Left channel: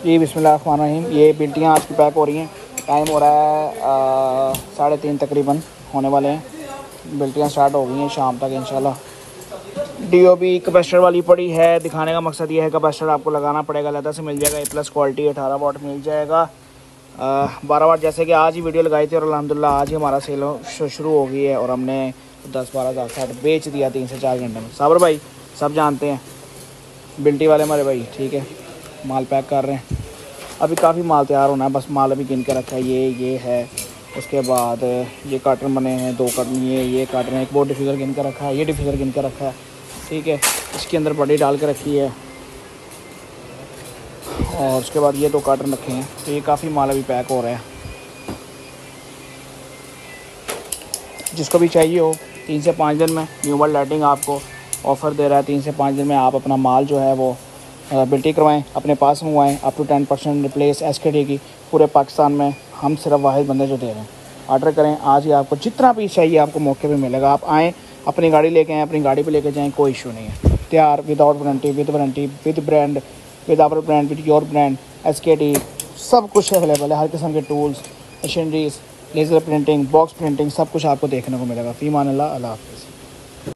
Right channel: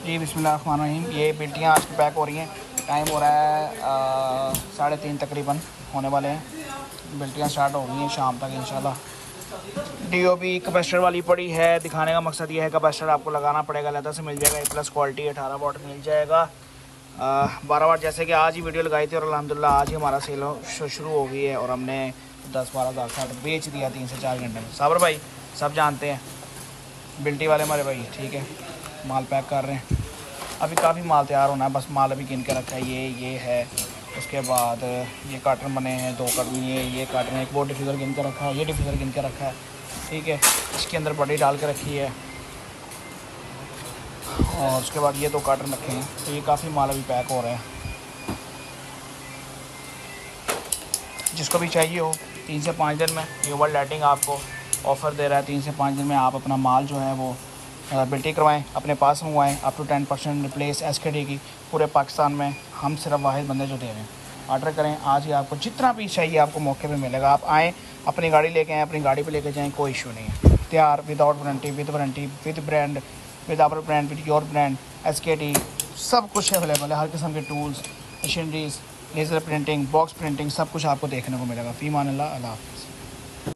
जी बिस्मिल्लाहिर्रहमानिर्रहीम। ये बिल्टियाँ आज की पैक हो रही हैं। टाइम हो रहा है 3:30 तकरीबन होने वाले हैं। बिल्टियाँ स्टार्ट हो गई हैं शाम तक इंशाल्लाह। डीओबी कैपेसिटर वाली पड़ी है। दिखाने का मकसद ये है कैपेसिटर आपको लगाना पड़ेगा, अलग से मिल जाएगा। A+ क्वालिटी 18 वाट मिल जाएगा। 12 वाट जैसे कि आज ही वीडियो लगाई थी और अल्हम्दुलिल्लाह आज ही हमारा सेल शुरू हो गई है और हमने 10-12 हज़ार बेच दिया 3 से 4 घंटे में। साबर भाई सब जानते हैं, बिल्टी वाले हमारे भाई, ठीक है। माल पैक कर रहे हैं। अभी काफ़ी माल तैयार होना है, बस माल अभी गिन के रखा है। ये है, उसके बाद ये कार्टन बने हैं, 2 कार्टन, ये कार्टन है, एक बोर्ड डिफ्यूज़र गिन के रखा है, ये डिफ्यूज़र गिन के रखा है, ठीक है। इसके अंदर बड़ी डाल के रखी है और उसके बाद ये 2 कार्टन रखे हैं। तो ये काफ़ी माल अभी पैक हो रहा है। जिसको भी चाहिए हो 3 से 5 दिन में न्यू वर्ल्ड लाइटिंग आपको ऑफ़र दे रहा है। 3 से 5 दिन में आप अपना माल जो है वो बिल्टी करवाएं, अपने पास मंगवाएं। अप टू 10% रिप्लेस SKD की पूरे पाकिस्तान में हम सिर्फ वाहिद बंदे जो दे रहे हैं। ऑर्डर करें आज ही, आपको जितना पीस चाहिए आपको मौके पे मिलेगा। आप आएँ, अपनी गाड़ी लेके आएँ, अपनी गाड़ी पे लेके जाएँ, कोई इशू नहीं है। तैयार, without warranty, with warranty, with brand, with our brand, with your brand, SKD सब कुछ अवेलेबल है। हर किस्म के tools, machineries, laser printing, box printing सब कुछ आपको देखने को मिलेगा। फ़ी मान अल्लाह।